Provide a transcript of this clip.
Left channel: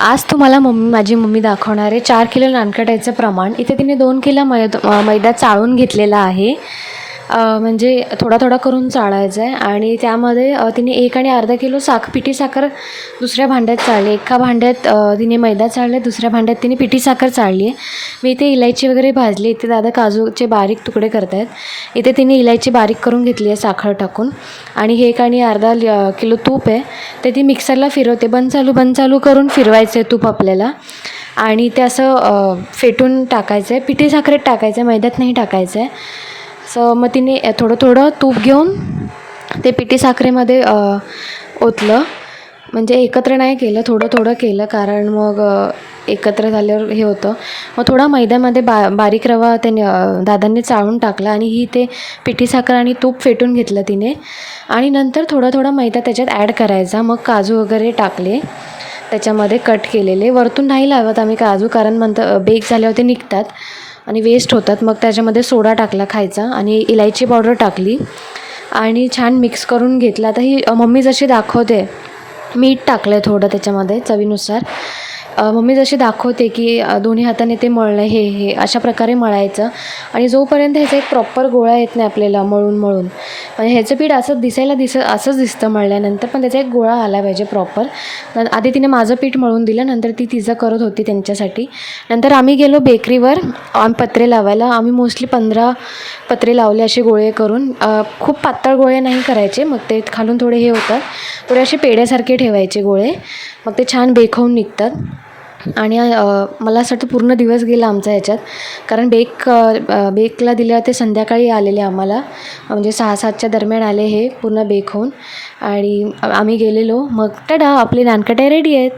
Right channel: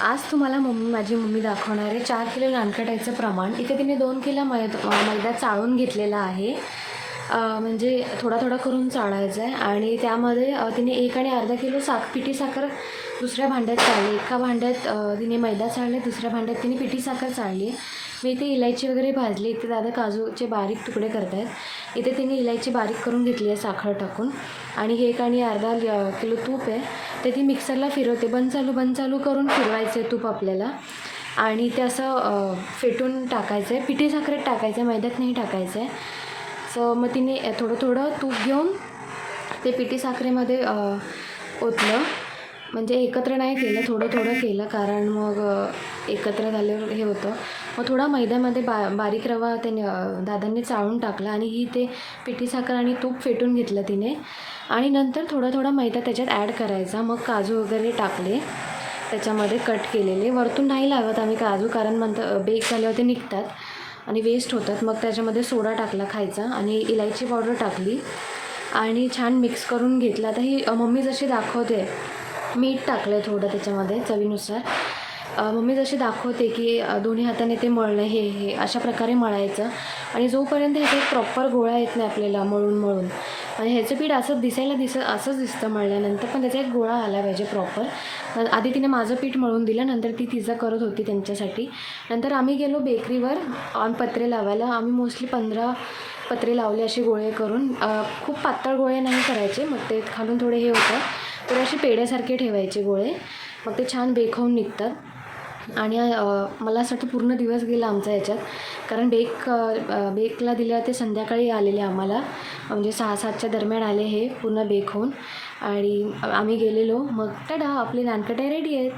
आज तुम्हाला माझी मम्मी दाखवणार आहे 4 किलो नानकटाईचं प्रमाण. इथे तिने 2 किलो मैदा चाळून घेतलेला आहे. म्हणजे थोडा थोडा करून चाळायचा आहे आणि त्यामध्ये तिने 1 आणि अर्धा किलो पिठी साखर दुसऱ्या भांड्यात चाळली. एका भांड्यात तिने मैदा चाळला, दुसऱ्या भांड्यात तिने पिठी साखर चाळली आहे. मी इथे इलायची वगैरे भाजली. इथे दादा काजूचे बारीक तुकडे करत आहेत. इथे तिने इलायची बारीक करून घेतली आहे साखर टाकून. आणि 1 आणि अर्धा किलो तूप आहे ते ती मिक्सरला फिरवते. बंद चालू करून फिरवायचं आहे तूप आपल्याला आणि ते असं फेटून टाकायचं आहे. पिठी साखरेत टाकायचं आहे, मैद्यात नाही टाकायचं आहे. मग तिने थोडं थोडं तूप घेऊन ते पिठी साखरेमध्ये ओतलं. म्हणजे एकत्र नाही केलं, थोडं थोडं केलं, कारण मग एकत्र झाल्यावर हे होतं. मग थोडा मैद्यामध्ये बारीक रवा त्याने दादांनी चाळून टाकला आणि ही ते पिठी साखर आणि तूप फेटून घेतलं तिने. आणि नंतर थोडा थोडा मैदा त्याच्यात ॲड करायचा. मग काजू वगैरे टाकले त्याच्यामध्ये कट केलेले. वरतून नाही लावत आम्ही काजू, कारण बेक झाल्यावर ते निघतात आणि वेस्ट होतात. मग त्याच्यामध्ये सोडा टाकला खायचा आणि इलायची पावडर टाकली आणि छान मिक्स करून घेतलं. आता ही मम्मी जशी दाखवते, मीठ टाकलं आहे थोडं त्याच्यामध्ये चवीनुसार. मम्मी जशी दाखवते की दोन्ही हाताने ते मळणं, हे अशा प्रकारे मळायचं आणि जोपर्यंत ह्याचा एक प्रॉपर गोळा येत नाही आपल्याला मळून म्हणजे ह्याचं पीठ असंच दिसतं मळल्यानंतर, पण त्याचा एक गोळा आला पाहिजे प्रॉपर. आधी तिने माझं पीठ मळून दिलं, नंतर ती तिचं करत होती त्यांच्यासाठी. नंतर आम्ही गेलो बेकरीवर पत्रे लावायला. आम्ही मोस्टली 15 पत्रे लावले असे गोळे करून. खूप पातळ गोळे नाही करायचे, मग ते खालून थोडे हे होतात, थोडे असे पेड्यासारखे ठेवायचे गोळे, मग ते छान बेक होऊन निघतात. आणि मला असं वाटतं पूर्ण दिवस गेला आमचा ह्याच्यात, कारण बेकला दिलं ते संध्याकाळी आलेले आम्हाला, म्हणजे 6-7च्या दरम्यान आले हे पूर्ण बेक होऊन. आणि आम्ही गेलेलो. मग टाटा, आपली नानकटाई रेडी आहेत.